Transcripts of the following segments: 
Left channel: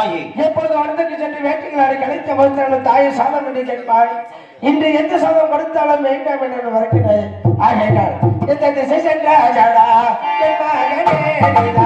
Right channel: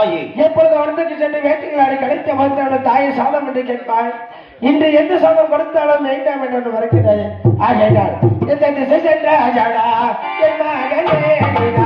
தாயே எப்பொழுது வனத்துக்கு சென்று வேட்டைகளாடி கலைத்த மறுத்தாலும் தாயை சாதம் என்று கேட்பாள் இன்று எந்த சாதம் படுத்தாலும் வேண்டாம் என்று மறக்கிறேன் ஆகையால் எந்த திசை சென்றாஜாடா என் மகனே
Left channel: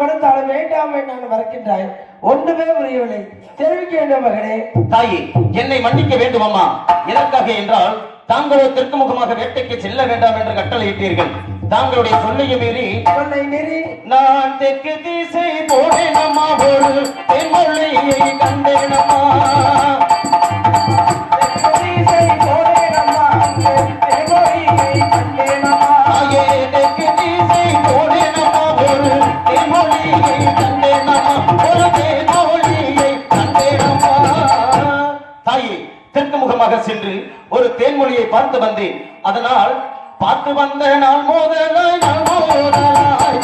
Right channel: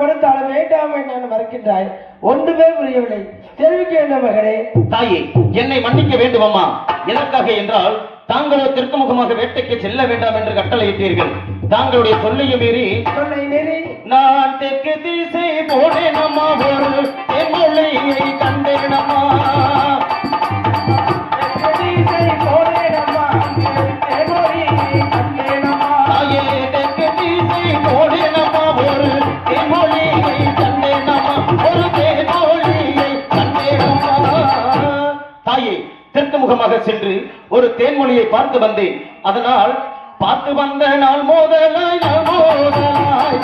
கொடுத்தாலும் வேண்டாம் என்று மறக்கின்றாய். ஒன்றுமே புரியவில்லை. தெரிவிக்க வேண்டும் மகனே தாயே என்னை மன்னிக்க வேண்டும் அம்மா. எதற்காக என்றால் தாங்களோ தெற்கு முகமாக வேட்டைக்கு செல்ல வேண்டாம் என்று கட்டளையிட்டீர்கள். தாங்களுடைய சொல்லையை மீறி உன்னை மீறி நான் தெற்கு திசை போனேன் அம்மா ஒரு தென்மொழியை தெற்கு முகமாக சென்று ஒரு தேன்மொழியை பார்த்து வந்தேன். அதனால் பார்த்து வந்த நாள் மோதலாய் மோதலாய்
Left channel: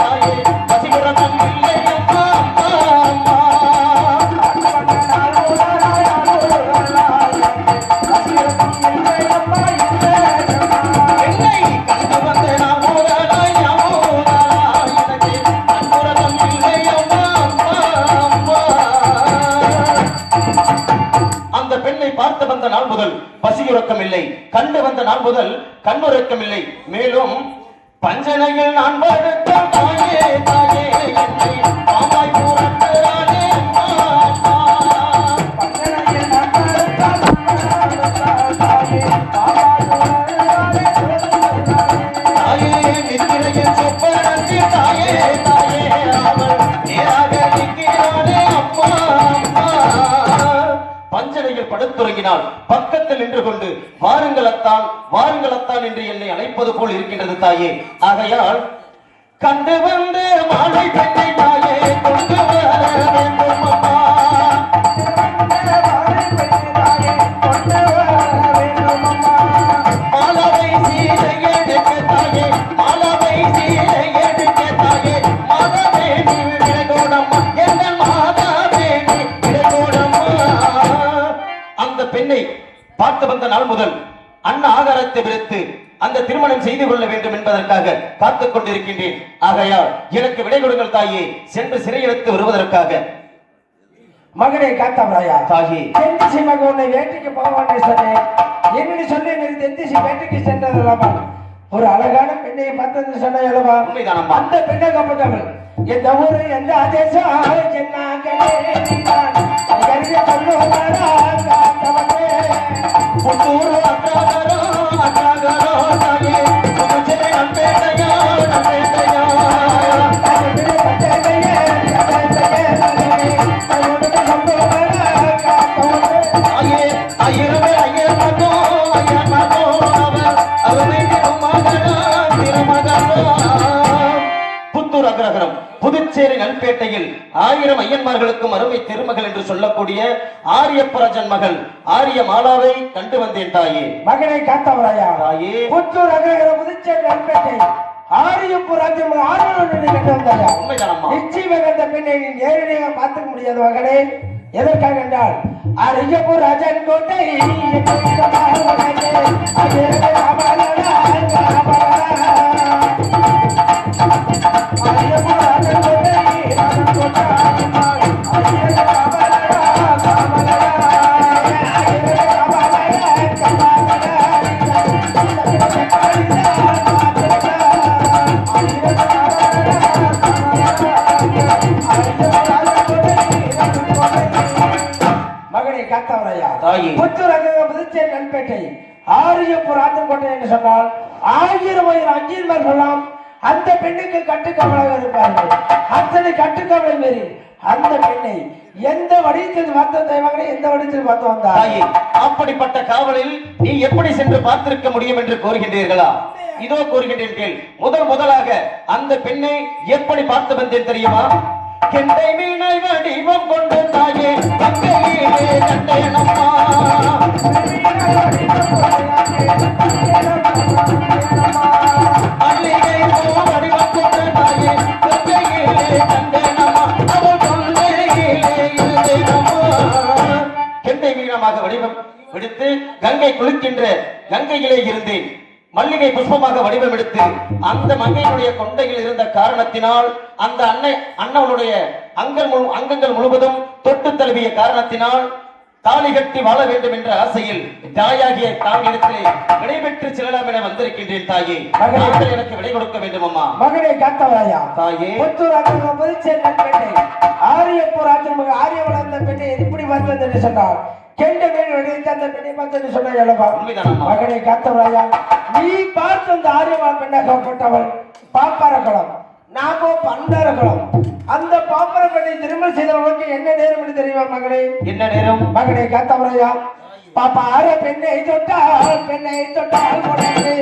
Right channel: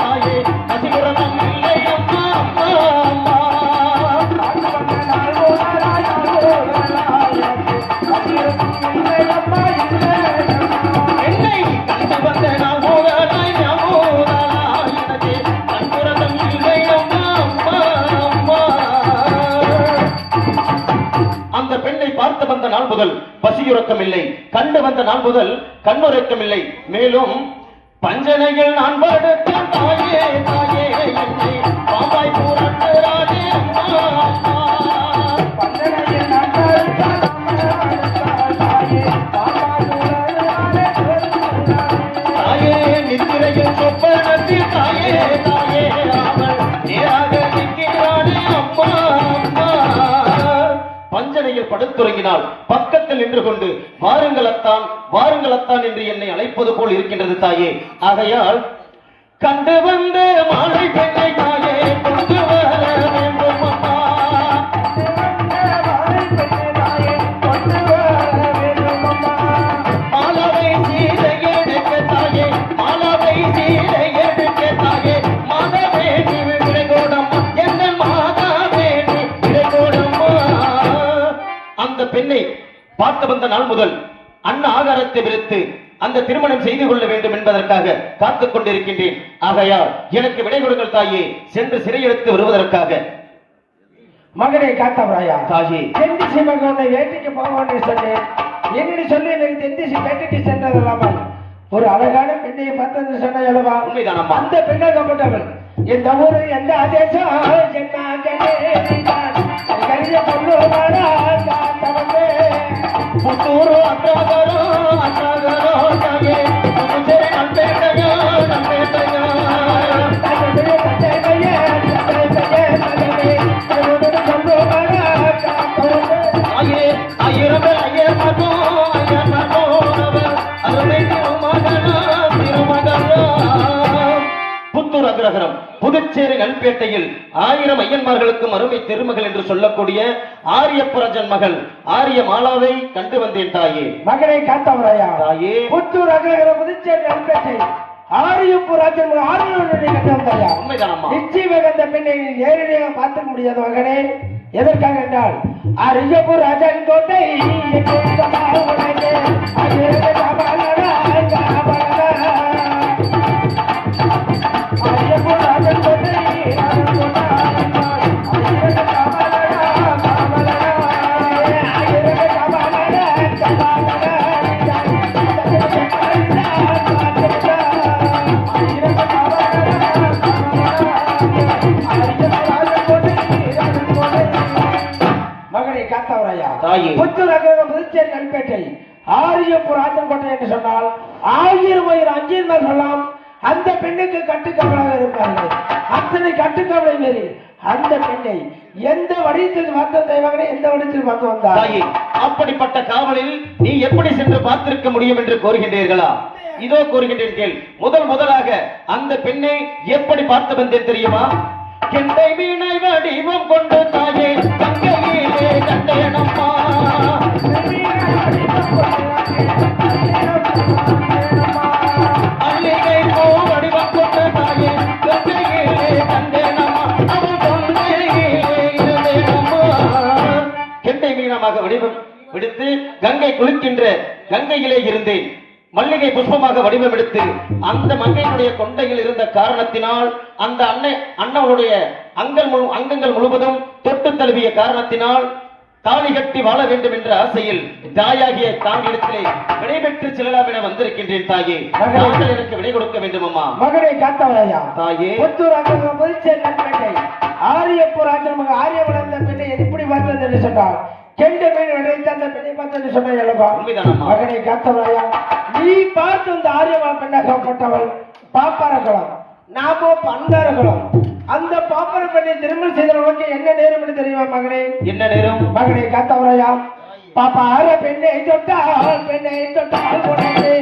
பிறந்த நாள் முதல் கண்ணுறக்கம் இல்லை மேலும் பஞ்சனையில் நான் படுத்த தாயே தாயே. பக்கத்தில் நின்று கொண்டு வாருங்கள் அத்தான் வாருங்கள் அத்தான் என்று என்னை அழைப்பது போல் இருக்கின்றது தாயே. ஆகையால் கண்டு வந்த மாலை பெண்ணை பார்த்து வந்த நாள் முதல் அண்ணா ஆகாரத்தை விடுத்து அந்த திருமணம் செய்து கொள்ள வேண்டும் என்பதற்காக காத்துக் கொண்டிருக்கின்றேன். ஆகையால் எனக்கு விடை கொடுங்கள் தாயே சென்று சிறையெடுத்து வருவதற்காக. மகனை காத்தாமராயா தாயே. தென்திசை மகன் உன்னை வேட்டைக்கு போக சொன்னேன் என்னடி சொல்லி எனக்கு தென்திசை வேட்டைக்கு சென்றது அல்லாமல் ஒரு அழகான பெண்ணை பார்த்தது சொன்ன அல்லவா உண்மைதானம்மா. அந்த பெண்ணை கப்பட்டவள் எந்த ஊரு எந்த ஆதேசம் ஜென்மாகவே புத்தூர் ஐயன்மார்களுக்கும் அருமை திருமகள் என்று சொல்லக்கூடிய ஆரியப்பராஜன் மகள் ஆரிய மாலாவை கண்டு வந்தேன் தாயே. மகனை காத்தவராயா? தாயே. புத்தூர் அகிலகர புதுச்சேரி வந்தாயா அந்த பெண்ணை நேரடியாக பார்த்துக்க முடியாத மகனே. எதற்காக என்றால் அரியப்பூர் ராஜன் கோட்டை. புத்தூர் அகர புதுச்சேரி நண்பேட்டை ஆரியப்பூர் ஆத்தங்கோட்டை என்று சொன்னால் ஆயிரம் ஆயிரம் சொல்லலாம் அந்த பெண்ணுக்கு கட்டுக்கவலாக இருப்பார்கள் அத்தனை கட்டுக்கவலை மீறி அந்த பெண்ணை எந்த வடிவத்தில் பார்த்த தெய்வங்களே எந்த வடிவத்தில் பார்த்து வந்தார்? தாயே அப்படிப்பட்ட காவலில் நீ எப்படி சென்று பார்த்திருக்க முடியும் என்று கூறுகின்றீர்களா? இதோ கூறுகின்றேன். முதல் முதலாக அந்த பெண்ணை எப்படி பார்த்து வந்தேன் தெரியுமா? கெண்டை மீனை வடிவம் கொண்டு தாயே கங்கையிலே கண்டேனம்மா வடிவம் கொண்டு மீனமாக வடிவம் கங்கை குளிக்கின்ற கங்கையிலே இருந்தேன். மல்லிகை புஷ்பமாக வடிவம் எடுத்து அந்த மங்கையினுடைய கொண்டையில் இருந்த காரணத்தினால் அந்த அன்னை அண்ணவளுடைய அங்கள் முழு அங்கங்கள் முழுவதும் தொட்டு தழுவிய காரணத்தினால் தாலி கட்டி வாழ வேண்டும் என்ற ஆசையில் தாயாகிய தாமிடத்திலே விடைபெற்று செல்லலாம் என வந்திருக்கின்றேன் தாயே. தாங்கள் எனக்கு விடை கொடுக்க வேண்டும் அம்மா மகனை காத்தவராயா தாயே. புத்தூர் ராஜாங்க புதுச்சேரி நற்பெண்ணை ஆரியப்பூர் ராஜாங்க ஆரிய வளர்ந்த பெண்ணை எப்படி பார்த்தது என்று சொன்னார். கெண்ட மீன் உடைத்த அந்த பெண்ணை பார்த்தது சொன்ன உண்மைதானம்மா. மகனை காத்தவராயா நீ பார்த்து அந்த ஆரியமா பெண்ணாகப்பட்டவள் பாப்பாரக்குளம் நாமோ பண்டாரக்குளம் அந்த பாப்பார பெண்ணை திருமணம் செய்தவனுக்கு என்ன நேரம் என்று தெரியுமா மகனே? என்ன நேரம்? மகனை காத்தவரையா பாப்பா அற பெண்ணை தொட்டால் பெண்ணை தொட்டால் உடனே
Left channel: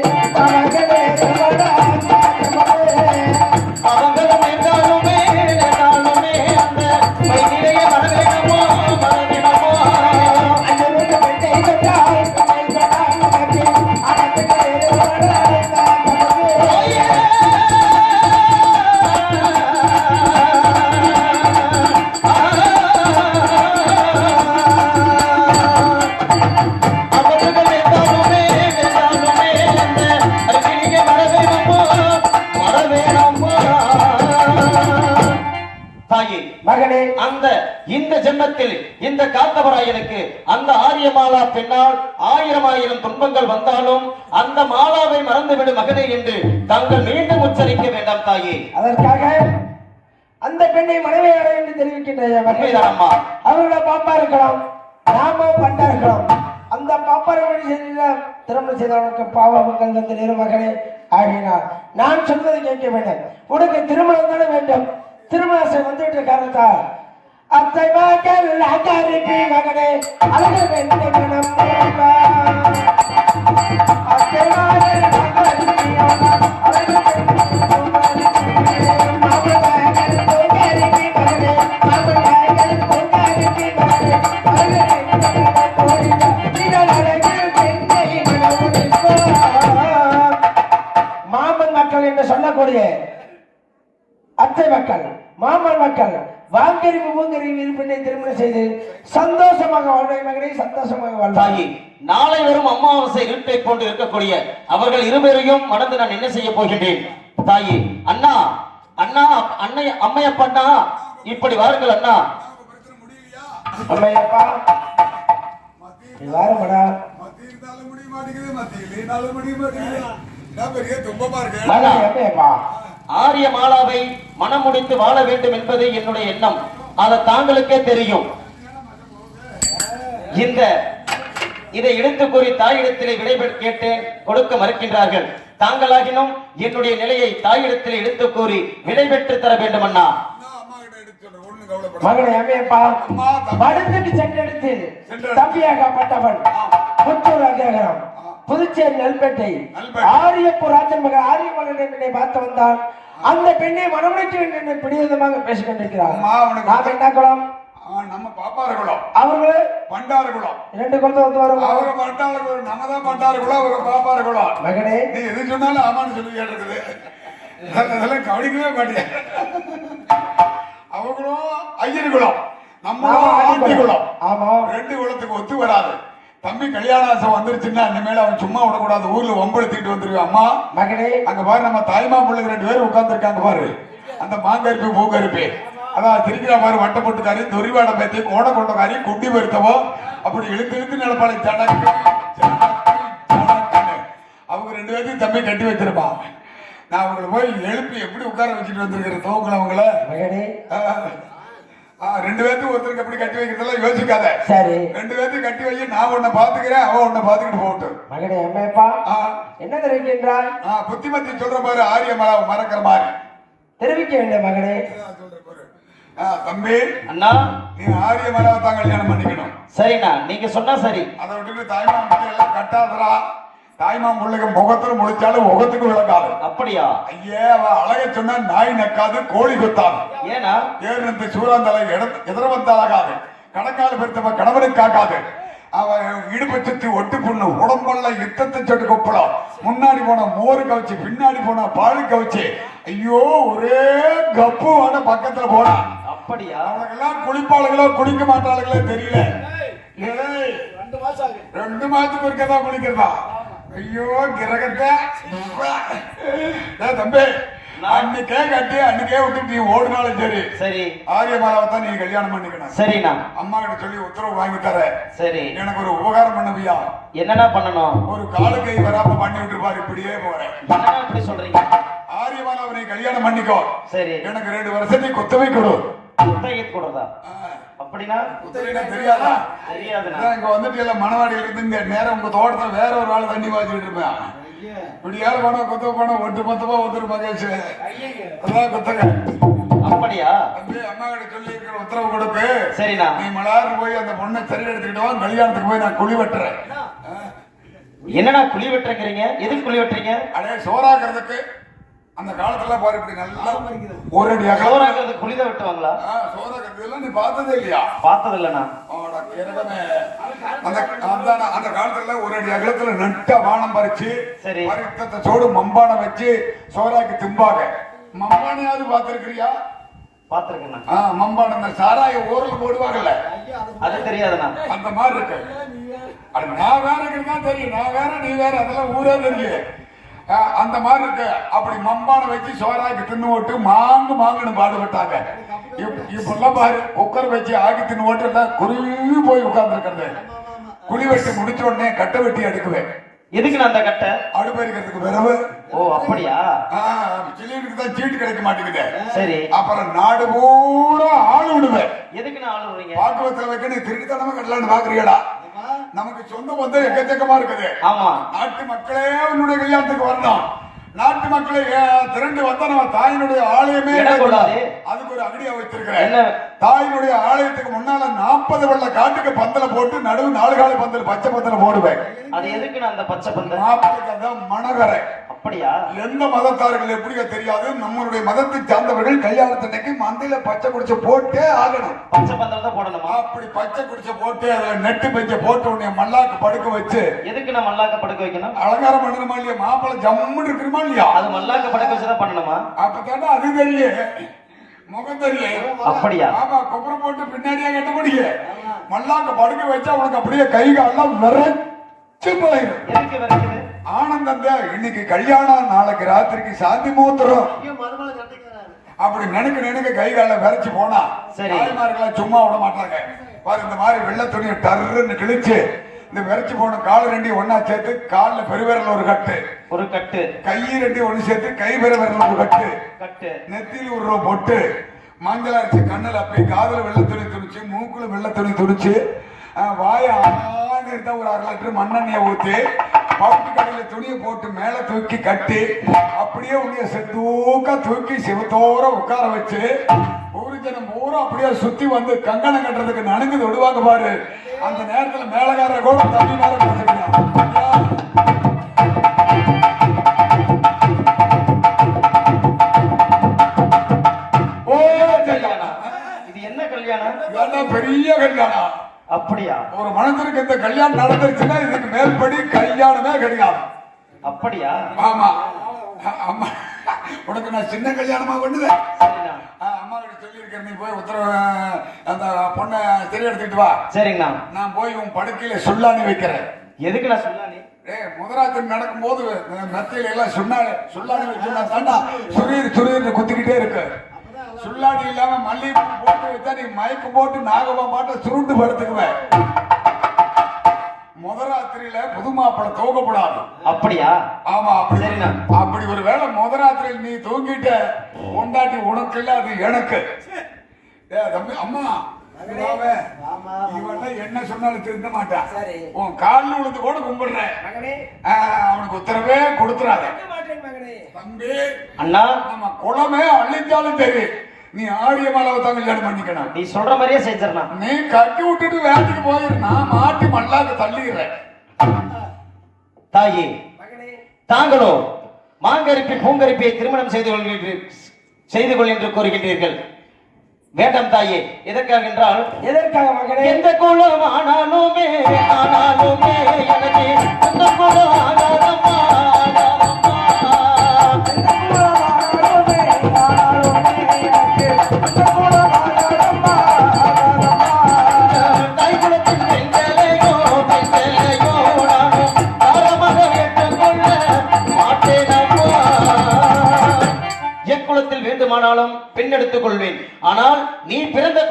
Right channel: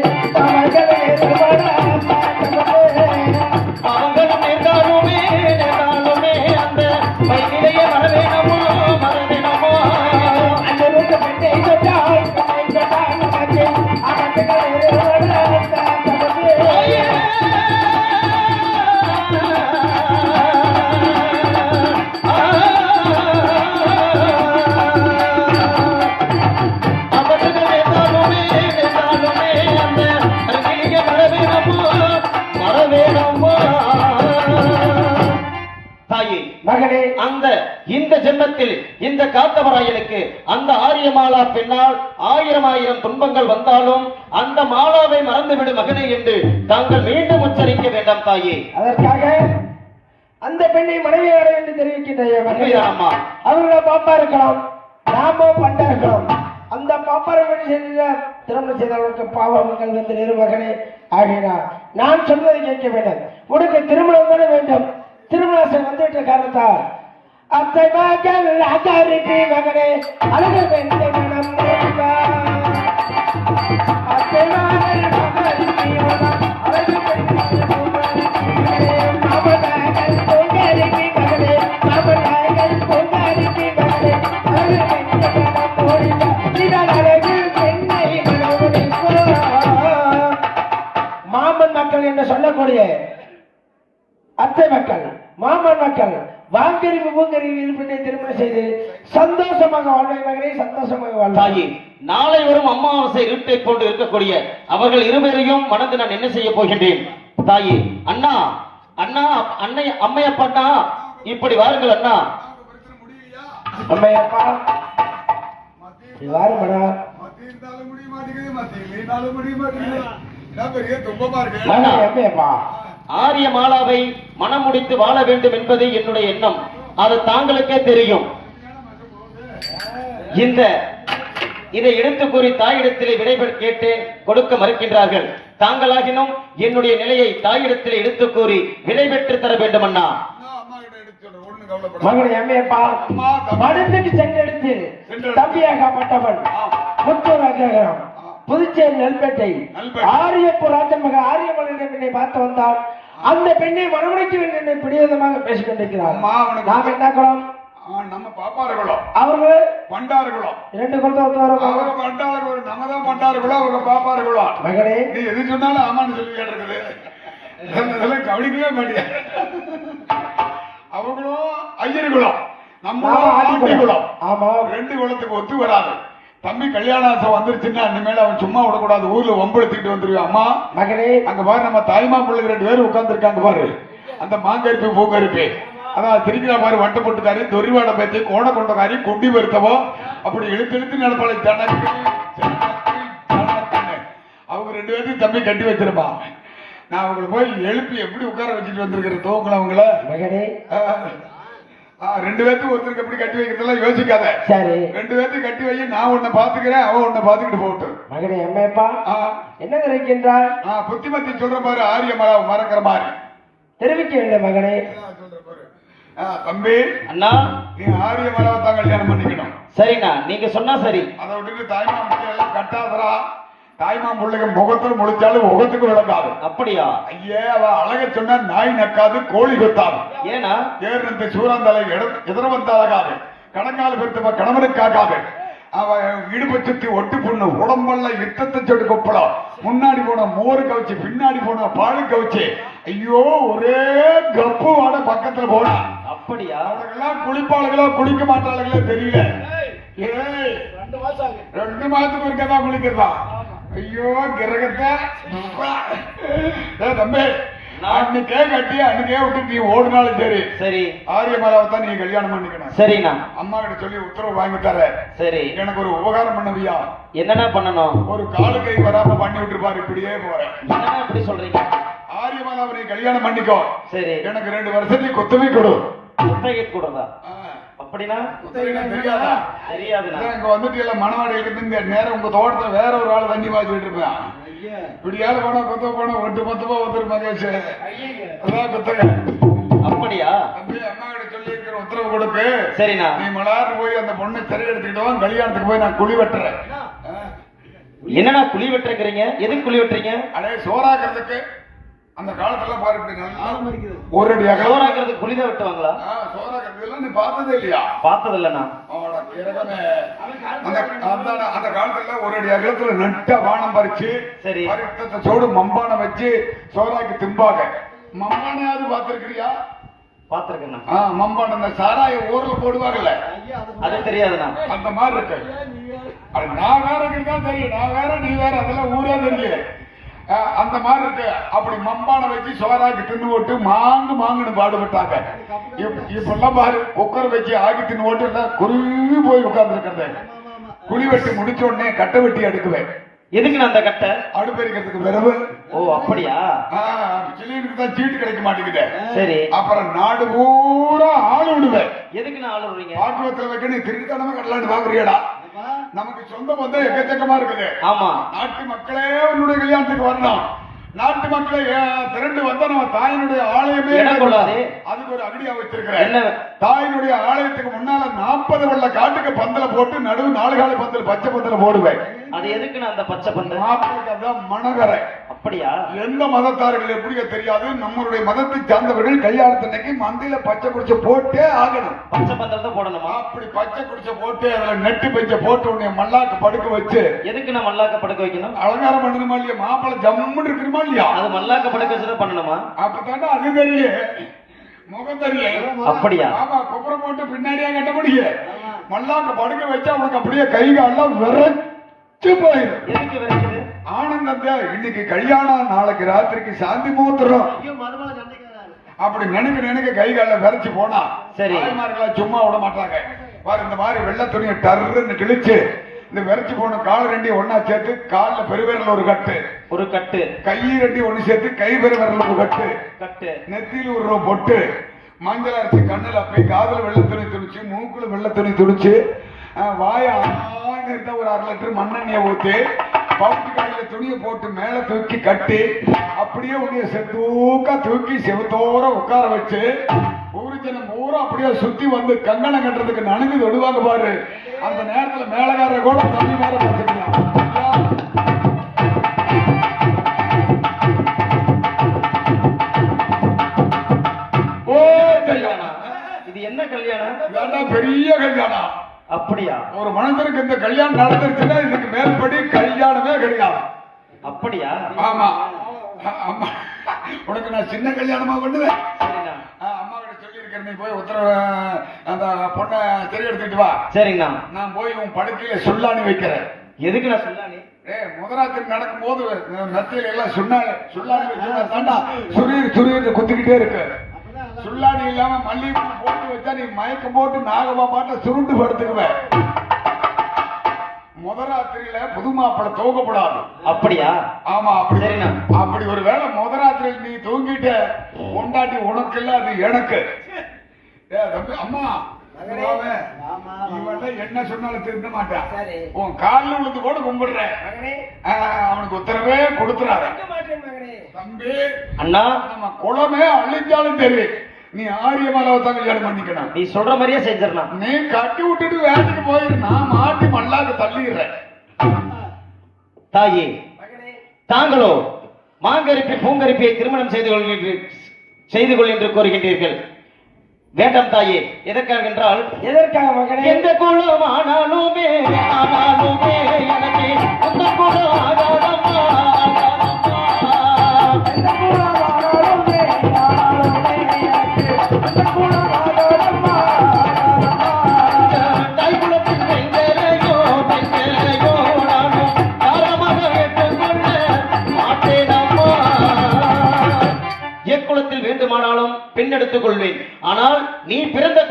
ஆகினா நான் சொல்வதை கேட்க வேண்டும். உனக்கு திருமணம் தானே வேண்டும்? திருமணம் வந்துட்டு வந்துவிட்ட அத்தை மகள் அகரிப்பி மகனே அழகர் வெண்ணை மனம் அத்தை மகள் அகரிப்பி மகனே, சொல்லக்கூடிய அத்தை மக்கள் மாமன் மக்கள் வாங்கறிவு பூங்கறிவு இருப்பினை திருமணம் செய்து சந்தோஷமாக வாழ்வை மகனை சந்தோஷமாக வாழ்வாய். தாயே நாளை வரும் அமாவாசை இருட்டை போன்று இருக்கக்கூடிய அவர்கள் இருவரையும் மறந்து நான் என்ன செய்ய போகின்றேன்? தாயே அண்ணா அண்ணா அன்னை அம்மையப்பண்ணா இப்படி வாருங்கள் அண்ணா. அம்மையப்பா வாருங்கடா. மத்தி இருந்தாலும் முடிய மாட்டேங்குது மத்தி இல்லைனாலும் முடிய மாட்டேங்குது. ஆரிய மாலாவை மனம் முடித்து வாழ வேண்டும் என்பது என்னுடைய எண்ணம். அது தாங்களுக்கே தெரியும். இந்த இதை எடுத்து கூறி தாயிடத்திலே விடைபெற் கேட்டேன் கொடுக்க மறுக்கின்றார்கள். தாங்களாகினும் என்னுடைய நிலையை தாயிடத்திலே எடுத்து கூறி விடைபெற்று தர வேண்டும் அண்ணா மகனை அம்மையப்பா. படுத்துட்டு சென்றெடுத்து தம்பியாகப்பட்டவன் புத்தூர் அகரம் புதுச்சேரி நெல்பேட்டை. ஆரியப்பூர் ராஜன் மகன் ஆரியமலை பெண்ணை பார்த்து வந்தால் அந்த பெண்ணை மனமுடைக்க வேண்டும் பிடிவாதமாக பேசிக் கொண்டிருக்கிறார். நாம் என்ன குலம்? ஆ, நம்ம பாப்பாரகுளம் அவர்களே? பண்டாரகுளம் இரண்டு குலத்தை ஒத்து வரும்? அவங்க பண்டாரகுளம் நம்ம தான் பண்டாரகுளம் அவங்க பாப்பாரகுளம் மகனே. நீ எது சொன்னாலும் ஆமான்னு சொல்லி இருக்குது இதெல்லாம் கவனிக்கவே மாட்டேன் அவங்களும் ஐயர் குலம். நம்மளும் ஆண்டி குலம். ஆமா. ரெண்டு குலத்துக்கு ஒத்து வராது. தம்பி கல்யாணாசம் வந்துருச்சுன்னா அந்த மேல அவன் சும்மா விடக்கூடாது. ஊர்ல வம்பெடுத்துக்கிட்டு வந்துருவான். அம்மா மகனே அங்க பாரு நம்ம தாய்மா பிள்ளை ரெண்டு பேரும் உட்கார்ந்துருக்காங்க பாரு. அந்த மாங்கருப்பு பூங்கருப்பு. அதான் திரிக்கிற மாதிரி வட்ட போட்டுக்காரி. தொரிவாட பத்தி கோண கொண்டக்காரி குட்டி வருத்தமோ? அப்படி இழுத்து இழுத்து நடப்பாளை. அவங்க ரெண்டு பேர்த்தையும் தம்பி கட்டி வச்சிருப்பான் நான் அவங்கள போய் எழுப்பி எப்படி உட்கார வச்சுட்டு வந்திருக்கிறேன் துவக்கல அவங்கள ரெண்டு பேர்த்துக்கு ஒருத்தருக்கு எப்படி கட்டி வைக்கிறதெல்லாம் யோசிக்காத. சரி. ரெண்டு பேர்த்தையும் கட்டி வை நான் உன்னை பாத்துக்கிறேன் அவன் உன்னை பாத்துக்கிட்டு போகட்டும். மகனே அம்மையப்பா என்ன தெரிவிக்கின்றார் புத்திமதி சொல்ற பாரு ஆரியமலா மறக்கிற மாதிரி. தெரிவிக்க வேண்டும் மகனே. நான் சொல்றேன் பாரு. தம்பி அண்ணா. நீ ஆரியமலாவை தான் கல்யாணம் பண்ணிக்கணும். சரிண்ணா நீங்க சொன்னா சரி. அதை விட்டுட்டு தாய்மா கட்டாதரா தாய்மாம் பிள்ளைங்க முகத்துல முடிச்சாலும் முகத்துக்கு விளக்காது அப்படியா? ஐயே அவ அழக சொன்னா நாய் நக்காது கோழி கொத்தாது ஏனா ஏறினத்து சூறாந்தலை எதிர வந்த அழகாது கணக்கால பெருத்தவ கணவனுக்கு காக்காது. அவ இடுப்பு சுத்தி ஒட்டு புண்ணு உடம்பெல்லாம் யுத்தத்தை சொல்லி கொப்பலாம் முன்னாடி போன மோரு கவச்சு பின்னாடி போன பாலு கவச்சு. ஐயோ ஒரே கப்பு வாட பக்கத்துல போனா. அப்படியா? குளிப்பாளுகளோ குளிக்க மாட்டாளுகளோ தெரியல. ஏய், ரெண்டு மாசத்துக்கு இருக்கதா குளிக்கிறதா? ஐயோ கிரகத்தை. தம்பி அன்னைக்கே கட்டி அன்னைக்கே விட்டு நீ ஓடுனாலும் சரி. சரி. ஆரியமாலாவை தான் நீ கல்யாணம் பண்ணிக்கணும். சரிண்ணா. அம்மா கிட்ட சொல்லி உத்தரவு வாங்கி தர சரி. எனக்கு ஒரு உபகாரம் பண்ணுவியா? என்னடா பண்ணணும்? ஒரு காலு கை வராம பண்ணி விட்டு பாரு இப்படியே போறேன். அப்படி சொல்றீங்க? ஆரியமாலாவை நீ கல்யாணம் பண்ணிக்கோ. சரி. எனக்கு ரெண்டு வருஷத்துக்கு குத்தவை கொடு. குத்தகை கொடுறதா ஆ, அப்படின்னா குத்தகைனா தெரியாதா? தெரியாதுண்ணா இங்க வந்துட்டு இல்ல மணவாடியில இருந்து இங்க நேரம் உங்க தோட்டத்துல வேற ஒரு ஆள் தண்ணி பாய்ச்சிட்டு இருப்பேன். இப்படியாவது போனா குத்த போனா ஒட்டு மொத்தமா வந்துருப்பாங்க அதான் குத்தகை அப்படியா? தம்பி அம்மா கிட்ட சொல்லி உத்தரவு கொடுக்கு சரிண்ணா. நீ மலாறு போய் அந்த பொண்ணை சரி எடுத்துக்கிட்டு வா கல்யாணத்துக்கு போய் நான் குழி வெட்டுறேன். என்னடா குழி வெட்டுறீங்க? எதுக்கு குழி வெட்டுறீங்க? அடே சோறாக்குறதுக்கு அந்த காலத்துல பாரு இப்படி நல்லா ஒரு அடி அகலம் சோறாக்குறது குழி தான் வெட்டுவாங்களா சோறாக்குறது எல்லாம் நீ பார்த்ததே இல்லையா? பார்த்தது இல்லைண்ணா. அந்த அந்த காலத்துல ஒரு அடி அகலத்துல நட்ட வானம் பறிச்சு சரி. சோடு மம்பானம் வச்சு சோறாக்கி திம்பாங்க. மம்பானையாவது பார்த்திருக்கிறியா? பார்த்துருக்கேண்ணா ஆ, மம்பானம் இந்த சாராய ஊர்ல போடுவாங்கல்ல. அது தெரியாதுண்ணா. அந்த மாதிரி இருக்கு. நான் வேற தான் தெரியும். நான் வேற நீ வேற அதெல்லாம் ஊரே தெரியல அந்த மாதிரி இருக்கு. அப்படி மம்பானம் வச்சு சோறாக்கி தின்னு போட்டு மாங்கு மாங்குன்னு பாடுபட்டாங்க. இப்ப- இப்பெல்லாம் பாரு குக்கர் வச்சு ஆக்கி தின்னு எல்லாம் குருவி போய் உட்கார்ந்துருக்கிறது. குழி வெட்டி முடிச்ச உடனே கட்டை வெட்டி எடுக்குவேன் எதுக்குண்ணா அந்த கட்டை? அடுப்பெரிக்கிறதுக்கு பிறகு ஓ அப்படியா? சிலிண்டருக்கு தான் சீட்டு கிடைக்க மாட்டேங்குது. சரி. அப்புறம் நாடு பூரா ஆளு விடுவேன் எதுக்குண்ணா ஆளு விடுறீங்க பாக்குவத்துல வைக்கணும் திருட்டுத்தனமா கட்டலான்னு பாக்குறீங்களா நமக்கு சொந்த பந்தம் எக்கச்சக்கமா இருக்குது ஆமா. நாட்டு மக்களே உன்னுடைய கல்யாணத்துக்கு வரணும். நாட்டு மக்களே திரண்டு வந்தா நம்ம தாயினுடைய ஆலயமே. அதுக்கு ஒரு அகடியா வச்சிருக்கிறேன் என்ன? தாயினுடைய ஆலயத்துக்கு முன்னால நாற்பது வெள்ள காட்டுக்கு பந்தல போட்டு நடுவு நாலு கால பந்தல் பச்சை பந்தல போடுவேன். அது எதுக்குண்ணா அந்த பச்சை பந்தல்? அதான் மணகரை அப்படியா? எந்த மதத்தார்கள் எப்படியோ தெரியாது. நம்மளுடைய மதத்தை சார்ந்தவர்கள் கல்யாணத்தன்னைக்கு மந்தையில பச்சை குடிச்ச போட்டே ஆகணும். பச்சை பந்தல் தான் போடணுமா? அப்படி பச்சை குடிச்ச போட்டு அதுல நெட்டு பஞ்ச போட்டு உன்னை மல்லாக்கு படுக்க வச்சு எதுக்கு நான் மல்லாக்க படுக்க வைக்கணும்? அலங்காரம் பண்ணணுமா இல்லையா? மாப்பிள்ளை ஜம்முன்னு இருக்குமா இல்லையா? அது மல்லாக்க படுக்க வச்சுதான் பண்ணணுமா? அப்பதானே அது தெரியும் முகம் தெரியும் அப்படியா? ஆமா கொப்பரை போட்டு பின்னாடியே கட்ட முடியும் மல்லாக்க படுக்க வச்சா உனக்கு அப்படியே கை காலெல்லாம் விரைச்சு போயிடும் ஆனந்தத்தை இன்னைக்கு கல்யாணம் நாளைக்கு ராத்திரிக்கு சாந்தி மூத்திரம். அப்படி நினைக்க நினைக்க கை கால விரைச்சு போனா சரி. தாய்மார்களா சும்மா விட மாட்டாங்க. பாரு இந்த மாதிரி வெள்ளை துணியை டர்ன்னு கிழிச்சு இந்த விரைச்சு போன கால் ரெண்டி ஒண்ணா சேர்த்து கால்ல பெருவிரல் ஒரு கட்டு. ஒரு கட்டு. கை ரெண்டி ஒண்ணு சேர்த்து கை பெருவிரல் ஒரு கட்டு. கட்டு. நெத்தியில ஒரு பொட்டு மஞ்சள் அரைச்சு கண்ணுல போய் காதல் வெள்ளை துணி துணிச்சு மூக்குல வெள்ளை துணி துணிச்சு வாய ஆன ஒரு அரை லிட்டர் மண்ணெண்ணெயை ஊத்தி கடையில துணியை போட்டு மேல தூக்கி கட்டி அப்படியே உன்னைய செத்தூக்க தூக்கி செவத்தோர உட்கார வச்சு ஒரு ஜனம் பூரா அப்படியே சுத்தி வந்து கங்கணம் கட்டுறதுக்கு நனுங்கு விடுவாங்க பாரு. அந்த நேரத்துல மேலகார கூட தண்ணி நேரம் நடந்துருச்சுன்னா இதுக்கு மேற்படி கல்யாணமே கிடையாது. அப்படியா? ஆமா. அம்மா உனக்கு நான் சின்ன கல்யாணமா பண்ணுவேன். அம்மா கிட்ட சொல்லியிருக்கேன் நீ போய் உத்தரவு அந்த பொண்ணை தெரிய எடுத்துட்டு வா. சரிங்கண்ணா. நான் போய் உன் படுக்கையில சுல்லாணி வைக்கிறேன். எதுக்கு நான் சொல்லானே ஏய் முதராத்திரி நடக்கும்போது அஹ், மெத்தையில எல்லாம் சுண்ணாணி சுல்லாணி வச்சுருந்தா தாண்டா சுரீர் சுரீர் குத்திக்கிட்டே இருக்கு சுல்லாணி இல்லாம மல்லிகை போட்டு வச்சா நீ மயக்கம் போட்டு நாகமா மாட்ட சுருண்டு படுத்துக்குவேன். முதராத்திரியில புது மாப்பிள்ளை தூக்கப்படாது அப்படியா? ஆமா அப்படி. அப்படி ஒரு வேளை முதராத்திரியில் நீ தூங்கிட்ட கொண்டாட்டி உனக்கு இல்ல அது எனக்கு. அம்மா என்ன சொன்னாலும் திருந்த மாட்டான். சரி. உன் காலில் விழுந்து கூட கும்பிடுறேன். அவனுக்கு உத்தரவே மகனே. தம்பி அண்ணா. நம்ம குளமே அழித்தாலும் தெரியும் நீ ஆரிய மரவை தான் கல்யாணம் பண்ணிக்கணும். நீ சொல்ற மாதிரியே செஞ்சிடலாம். நீ கட்டி விட்டுட்டு வேலைக்கு போயிரு நான் மாட்டி மல்லாக்க தள்ளிடுறேன். தாயே தாங்களோ மாங்கரிப்பி பூங்கரிப்பியை திருமணம் செய்து கொள்வீர்கள் செய்து கொள் என்று கூறுகின்றீர்கள். வேண்டாம் தாயே எதற்காக என்றால் எதற்காக மகனே? எந்த குலம் ஆனாலுமே ஆனாலுமே எனக்கு அந்த குலம்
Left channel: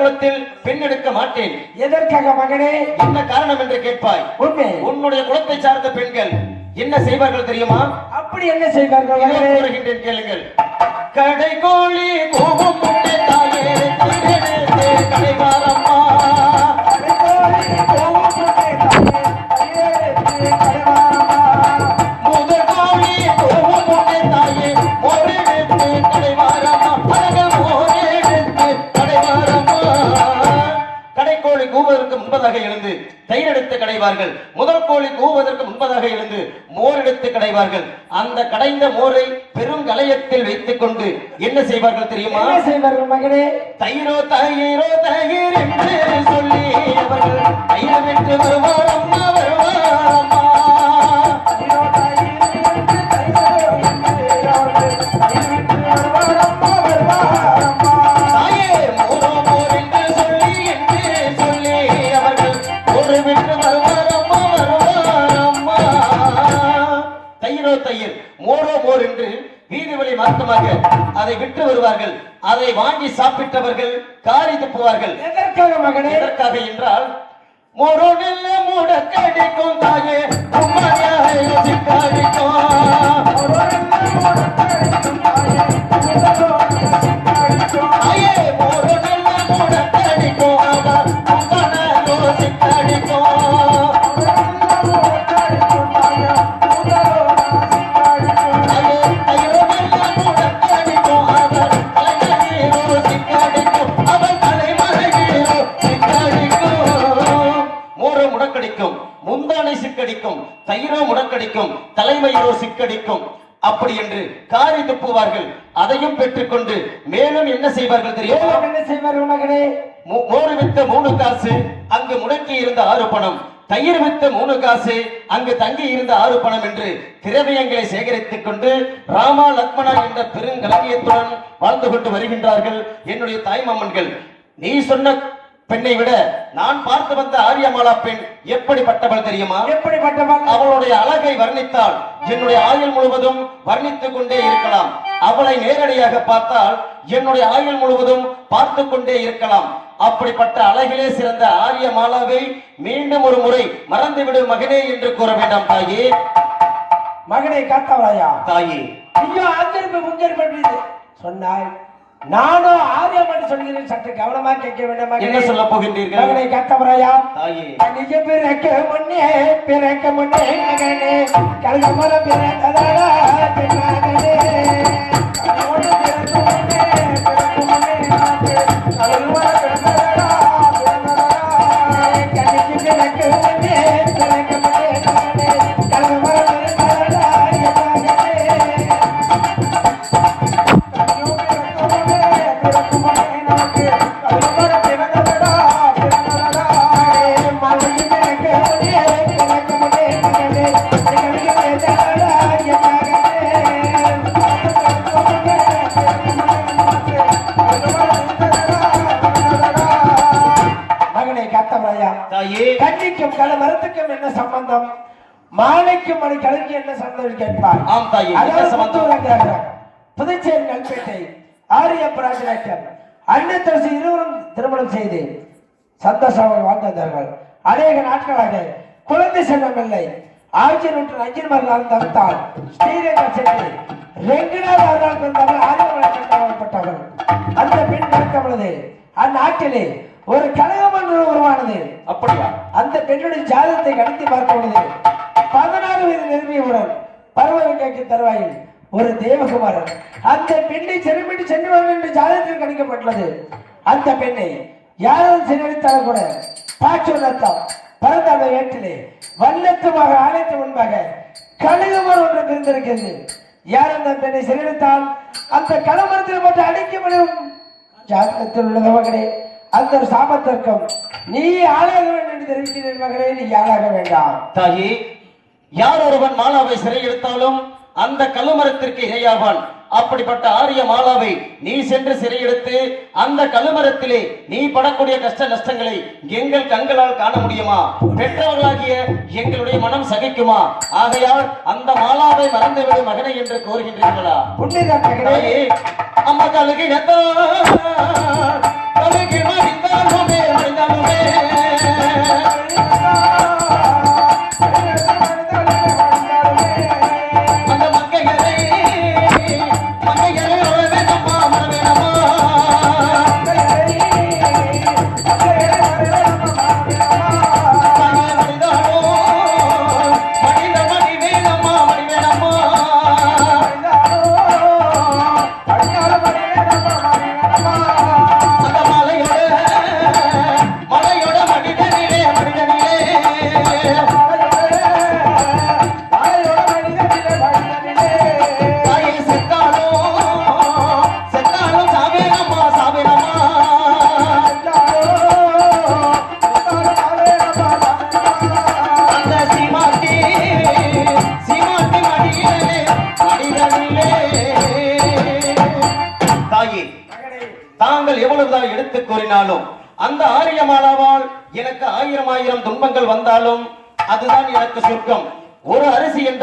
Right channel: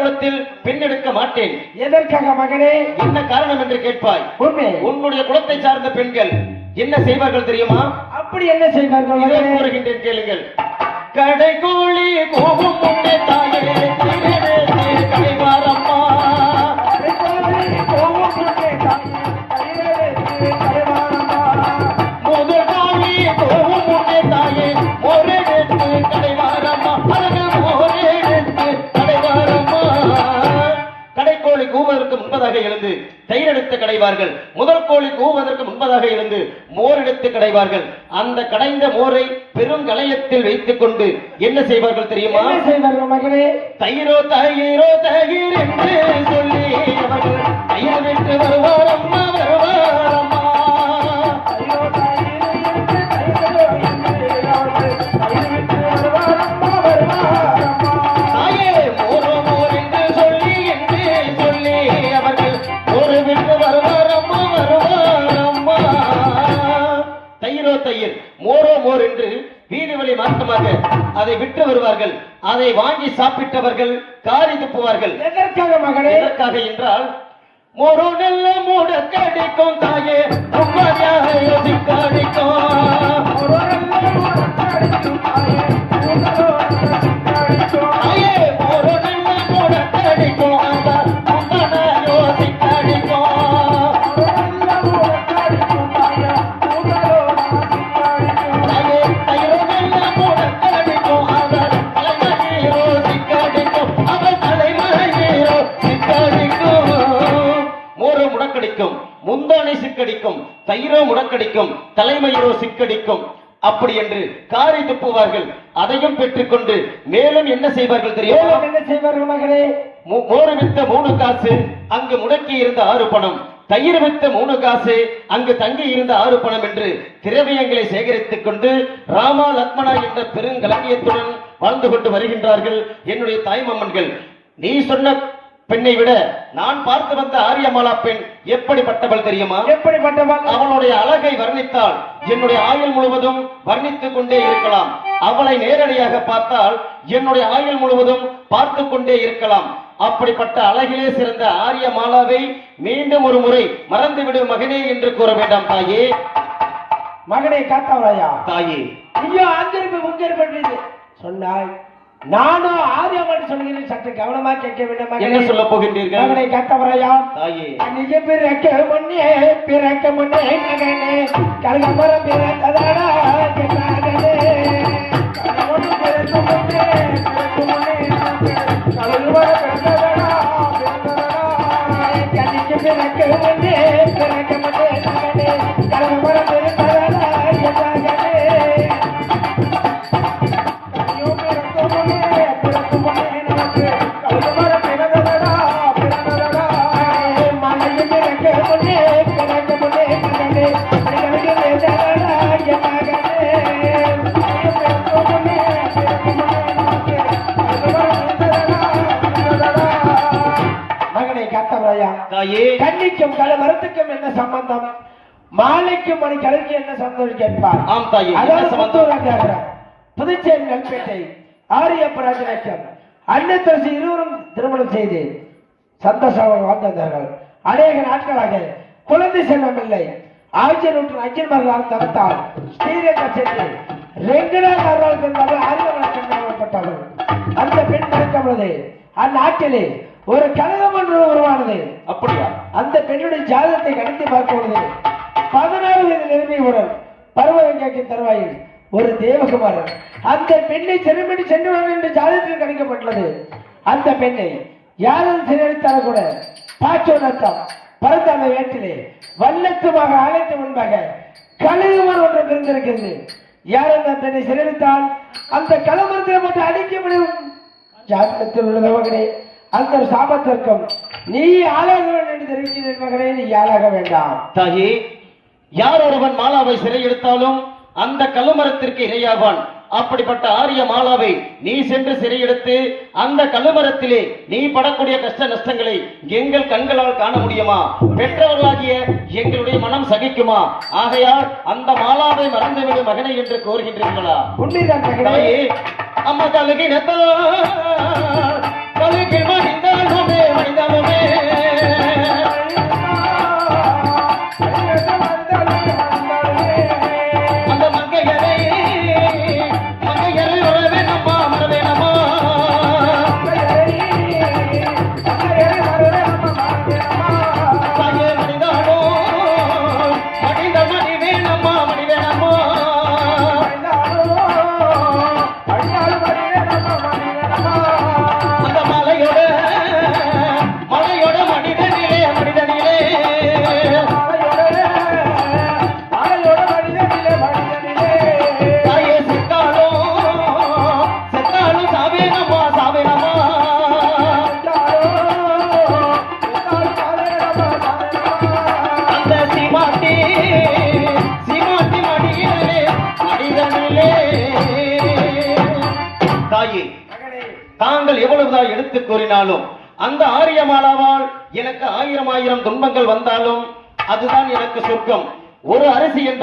குலத்தில் பெண் எடுக்க மாட்டேன். எதற்காக மகனே? என்ன காரணம் என்று கேட்பாய். உண்மை. உன்னுடைய குலத்தை சார்ந்த பெண்கள் என்ன செய்வார்கள் தெரியுமா? அப்படி என்ன செய்வார்கள் கேளுங்கள். கடை கோழி முன்பதாக எழுந்து தயிர் எடுத்து கடைவார்கள். முதல் கோழி கூவதற்கு முன்பதாக எழுந்து மோர் எடுத்து கடைவார்கள். அந்த கடைந்த மோரை பெரும் கலையத்தில் வைத்துக் கொண்டு என்ன செய்வார்கள் தெரியுமா? செய்வார்கள் மகனே தயிரோ தயிரோ தயிர் சாப்பிட்டவர்கள் காரி துப்புவார்கள். எதற்காக மகனே எதற்காக என்றால் மோரோ நெல்ல மூட கடிக்கும் தாயே உம்மையாக முடக்கடிக்கும் தலைமயிரோ சிக்கடிக்கும். அப்படி என்று காரி துப்புவார்கள். அதையும் பெற்றுக்கொண்டு மேலும் என்ன செய்வார்கள் தெரியுமா? என்ன செய்வார்கள் மகனே மோர் வித்த மூணு காசு அங்கு முடக்கி இருந்த ஆறு பணம். தயிர் வித்த மூணு காசு அங்கு தங்கி இருந்த ஆறு பணம் என்று திரவியங்களை சேகரித்துக் கொண்டு ராமா லக்மணா என்ற பெருங்கலவியத்துடன் வாழ்ந்து கொண்டு வருகின்றார்கள். என்னுடைய தாய்மாமன்கள் நீ சொன்ன பெண்ணை விட நான் பார்த்து வந்த ஆரியமாலா பெண் எப்படிப்பட்டவள் தெரியுமா? எப்படிப்பட்டவன் அவளுடைய அழகை வர்ணித்தால் என்னுடைய ஆயுள் முழுவதும் வர்ணித்துக் கொண்டே இருக்கலாம். அவளை நேரடியாக பார்த்தால் என்னுடைய ஆயுள் முழுவதும் பார்த்து கொண்டே இருக்கலாம். அப்படிப்பட்ட அழகிலே சிறந்த ஆரிய மாலாவை மீண்டும் ஒரு முறை மறந்துவிடு மகனே என்று கூற வேண்டாம் தாயே. மகனை காத்தாவளையா தாயே. ஐயோ அங்கிருந்து முங்கிருப்பது சொன்னாய். நானும் ஆரியமாட்டு சொல்கிறேன். சற்று கவனமா கேட்க வேண்டும்? என்ன சொல்ல போகின்றீர்கள்? மகனை காத்தவரையா? தாயே. அன்னைக்கு பிறக்க முன்னே பிறக்க முன்னே மகனே. கல்வி மர பிறந்ததாடா கேட்பார் ஆம் தாயே புதுச்சேரி நல்பேட்டை ஆரியப்ப ராஜநாயக்கர் அன்னத்தரசி இருவரும் திருமணம் செய்து சந்தோஷமாக வாழ்ந்து வந்தார்கள். அநேக நாட்களாக குழந்தை செல்வம் இல்லை. ஆட்சி நூற்று அஞ்சின்மர்கள் தவிர்த்தால் ஸ்ரீரங்கம் சென்று ஆரியவர்கள் கண்டாவப்பட்டவர் அந்த பெண் பிறக்கும் பொழுது அந்நாட்டிலே ஒரு கழகம் ஒன்று உருவானது. அப்படியா? அந்த பெண்ணுடைய ஜாதகத்தை கடத்தி பார்க்கும்போது பதினாறு வயது நிரம்பியவுடன் பருவகங்கைக்கு தருவாயில். ஒரு தேவகுமாரன். அந்த பெண்ணை சிறைப்படி சென்றுவார்கள் என்று ஜாதகத்தில் கணிக்கப்பட்டுள்ளது அந்த பெண்ணை யாரும் சிறைத்தாலும் கூட பாச்சோதத்தம் பரந்தாம வேட்டிலே வல்லத்துமாக ஆலயத்து முன்பாக கழுகுமரம் ஒன்று பிறந்திருக்கிறது யார் அந்த பெண்ணை சிறைவித்தால் அந்த கழுமரத்தில் போட்டு அடிக்க முடியும். ஜாதகத்தில் உள்ள மகனே அந்த ஒரு சாபத்திற்கும் நீ ஆளாக வேண்டும் என்று தெரிவிக்கிறேன் மகனே நீ ஆளாக வேண்டாம். தாயே யார் ஒருவன் மாலாவை சிறையெடுத்தாலும் அந்த கழுமரத்திற்கு இரையாவான். அப்படிப்பட்ட ஆரிய மாலாவை நீ சென்று சிறையெடுத்து அந்த கழுமரத்திலே நீ படக்கூடிய கஷ்ட நஷ்டங்களை எங்கள் கண்களால் காண முடியுமா? பெற்றவர்களாகிய எங்களுடைய மனம் சகிக்குமா? ஆகையால் அந்த மாலாவை மறந்துவிடும் மகனை என்று கோருகின்றீர்களா உண்மைதான் அம்மா கழுகிடத்தா கழுகில் மடிந்தாலுமே மடிந்தாலுமே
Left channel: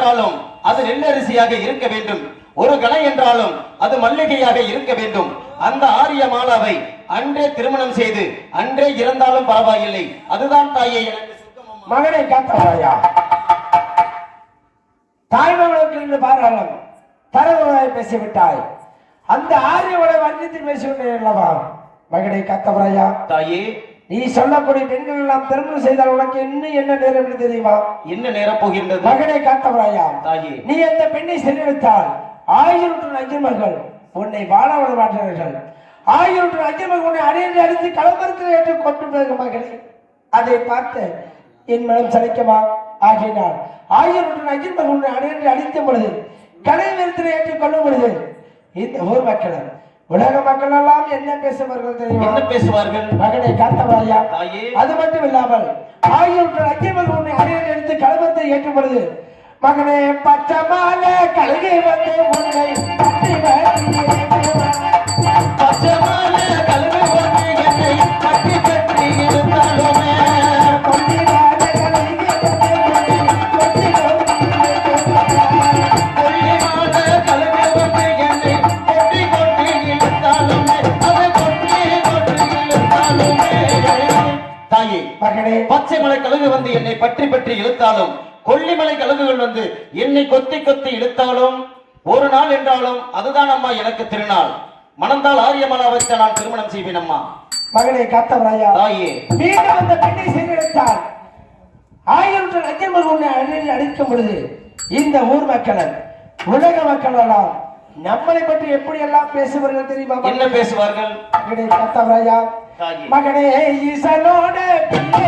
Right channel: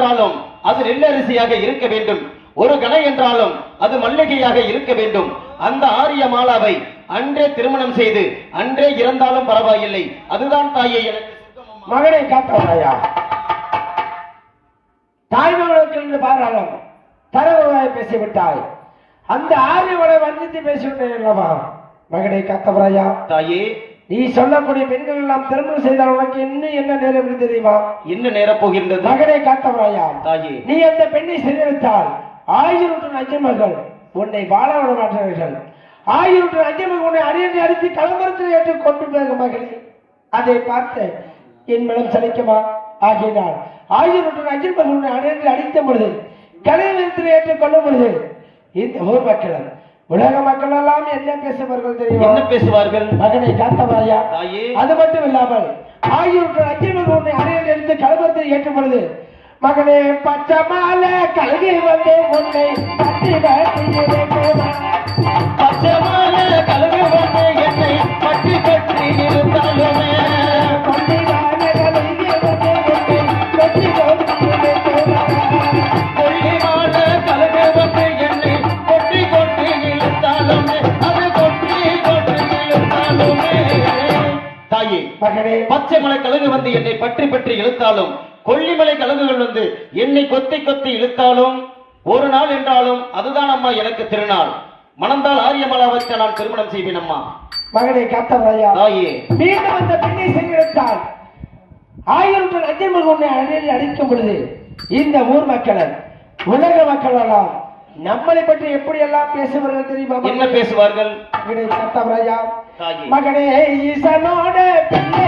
என்றாலும் அது நெல்லரிசியாக இருக்க வேண்டும். ஒரு கணை என்றாலும் அது மல்லிகையாக இருக்க வேண்டும். அந்த ஆரிய மாலாவை அன்றே திருமணம் செய்து அன்றே இறந்தாலும் பரவாயில்லை. அதுதான் தாயே எனக்கு. மகனை காத்தவாயா தாய்மகளுக்கு என்று பாராளும். தரவுரை பேசிவிட்டாய். அந்த ஆரியவனை வர்ணித்து பேசிவிட்டேன் அல்லவா? மகனை காத்தவரையா? தாயே நீ சொல்லக்கூடிய பெண்கள் எல்லாம் திருமணம் செய்தால் உனக்கு இன்னும் என்ன நேரம் தெரியுமா என்ன நேரப் போகின்றது? மகனை காத்தவரையா? நீ அந்த பெண்ணை சிறையெடுத்தால் ஆயிரம் அஞ்சமர்கள் உன்னை வாழ விட மாட்டார்கள். ஆயிரம் அஞ்சமர்கள் உன்னை அடியடி அடித்து கலவரத்தில் ஏற்று கொண்டு மகளே. அதை பார்த்து என் மனம் சலிக்குமா? ஆகினார் ஆயிரம் அஞ்சமர்கள் உன்னை அடியடி அடித்த பொழுது கலைநிலத்தில் ஏற்றுக் கொள்ளும் பொழுது இந்த ஊர் மக்களும் உலக மக்கள் எல்லாம் என்ன பேசுவார்கள் தெரியுமா? என்ன பேசுவார்கள்? மகனை காத்தவரையா தாயே. அது மட்டும் இல்லாமல் ஆயிரம் லட்சியமாக உன்னை அடையாளம் எடுத்து கலவரத்தை ஏற்றும் பொழுது மகனே பச்சை மாலை கல்கை வந்து உன்னை கழுகு வந்து என்னை பற்றி பற்றி இழுத்தாலும் கொல்லிமலை கழுகுகள் வந்து என்னை கொத்தி கொத்தி இழுத்தாலும் ஒரு நாள் என்றாலும் அதுதான் அம்மா எனக்கு திருநாள். மணந்தால் ஆரியமலாவத்தை நான் திருமணம் செய்வேன் அம்மா. மகனை காத்தவரையா தாயே. மீண்டும் அந்த பெண்ணை செய்யெடுத்தால் ஆயிரம் லட்சம் உன்னை அடி அடிக்கும் பொழுது இந்த ஊர் மக்கள் உலக மக்கள் எல்லாம் நம்மளை பற்றி எப்படி எல்லாம் பேசுவார்கள் தெரியுமா என்ன பேசுவார்கள்? மகனே ஈசனோட பிள்ளை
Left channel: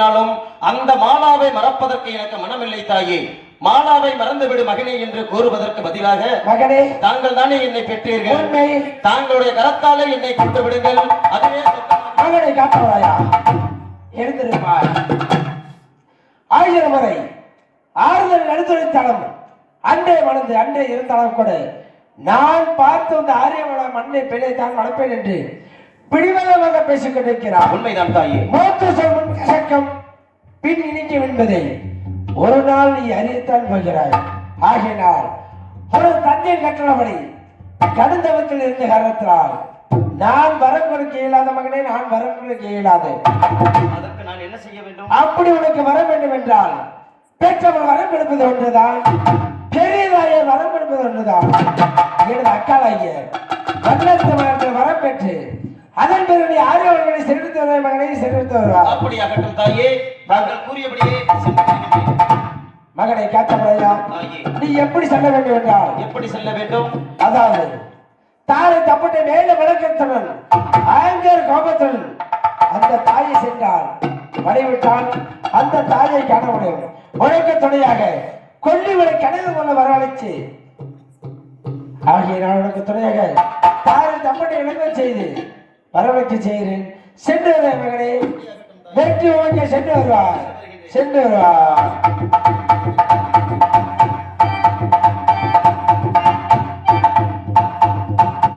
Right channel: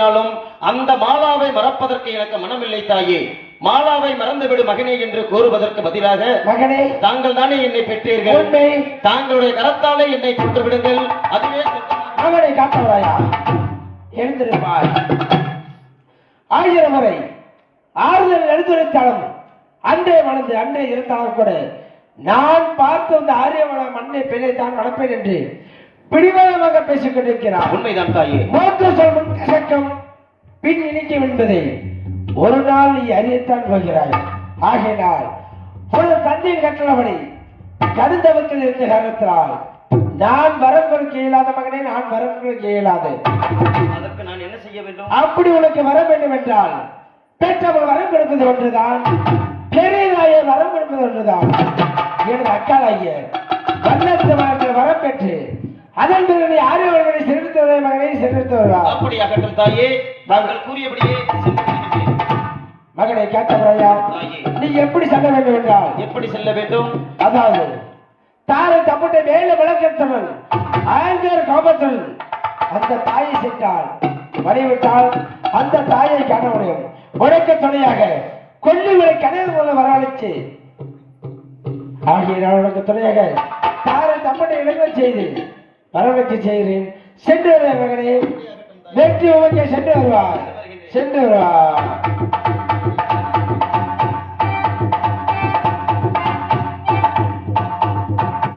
பேசினாலும் அந்த மாலாவை மறப்பதற்கு எனக்கு மனமில்லை தாயே. மாலாவை மறந்துவிடு மகனே என்று கூறுவதற்கு பதிலாக மகனே தாங்கள் தானே என்னை பெற்றீர்கள்? தாங்களுடைய கரத்தாலே என்னை கொண்டு விடுங்கள். அதுவே மகனை காத்தவரையா எழுந்திருப்பார் ஆயிரம் முறை ஆறுதல் எடுத்துரைத்தாலும் அன்றே மணந்து அன்றே இருந்தாலும் கூட நான் பார்த்து அந்த ஆரியவள மண்ணை பெண்ணை தான் என்று பிடிவாதமாக பேசிக் கொண்டிருக்கிறார். உண்மைதான் தாயே. மூத்த செல்வன் கசக்கம் பின் இணைக்கும் என்பதை ஒரு நாள் நீ அறியத்தான் போகிறாய். ஆகினால் ஒரு தந்தை கட்டளபடி கடுந்தவத்தில் இருந்த காரணத்தினால் நான் வரம் கொடுக்க இயலாத மகனே நான் வரம் கொடுக்க இயலாது. அதற்கு நான் என்ன செய்ய வேண்டும்? அப்படி உனக்கு வர வேண்டும் என்றால் பெற்றவள் வரம் கொடுப்பது ஒன்றுதான் பெரியதாய வரம் என்பது ஒன்றுதான். எனது அக்காளாகிய நீ ஆரியவர்களை செலுத்து வருவாய் மகனை செலுத்து வருவாய் அப்படியாகட்டும் தாயே நாங்கள் கூறியபடியே. மகனை காத்தபடியா தாயே. நீ எப்படி செல்ல வேண்டும் என்றால்? எப்படி செல்ல வேண்டும்? அதாவது தாரை தப்புட்டை மேல விளக்கத்துடன் ஆங்கர் கோபத்துடன் அந்த தாயை சென்றால் வடிவிட்டால் அந்த தாயை காண முடியும் உனக்கு துணையாக கொல்லிகளை கனவு கொள்ள வரவழைச்சு ஆகிய நான் உனக்கு துணையாக தாரை தப்புட்டை இழங்க செய்து வரவேற்று செய்கிறேன். சென்று வருகிறேன் வெற்றி சென்று வருவார் சென்று வருவார்